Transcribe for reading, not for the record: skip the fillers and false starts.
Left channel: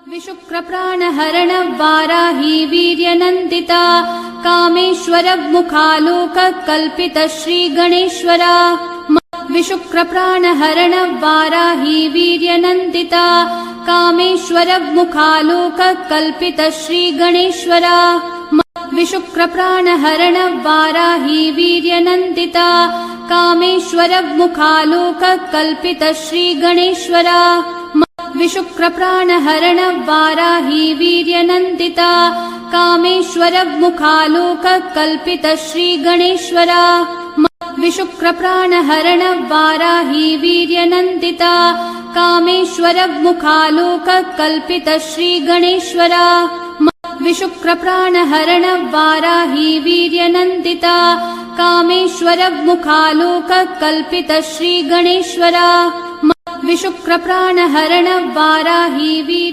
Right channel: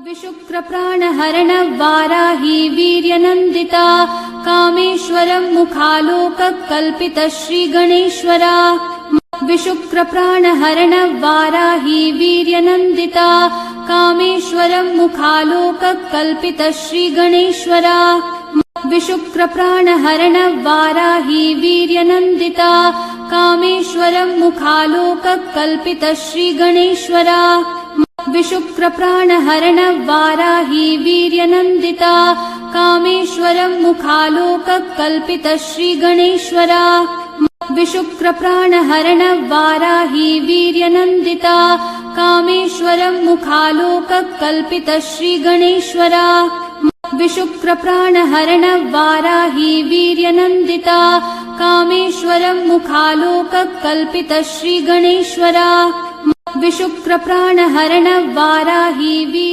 विशुक्रप्राणहरण वाराही वीर्यनन्दिता कामेश्वरमुखालोककल्पित श्रीगणेश्वरा विशुक्रप्राणहरण वाराही वीर्यनन्दिता कामेश्वरमुखालोककल्पित श्रीगणेश्वरा विशुक्रप्राणहरण वाराही वीर्यनन्दिता कामेश्वरमुखालोककल्पित श्रीगणेश्वरा विशुक्रप्राणहरण वाराही वीर्यनन्दिता कामेश्वरमुखालोककल्पित श्रीगणेश्वरा विशुक्रप्राणहरण वाराही वीर्यनन्दिता कामेश्वरमुखालोककल्पित श्रीगणेश्वरा विशुक्रप्राणहरण वाराही वीर्यनन्दिता कामेश्वरमुखालोककल्पित श्रीगणेश्वरा विशुक्रप्राणहरण वाराही वीर्य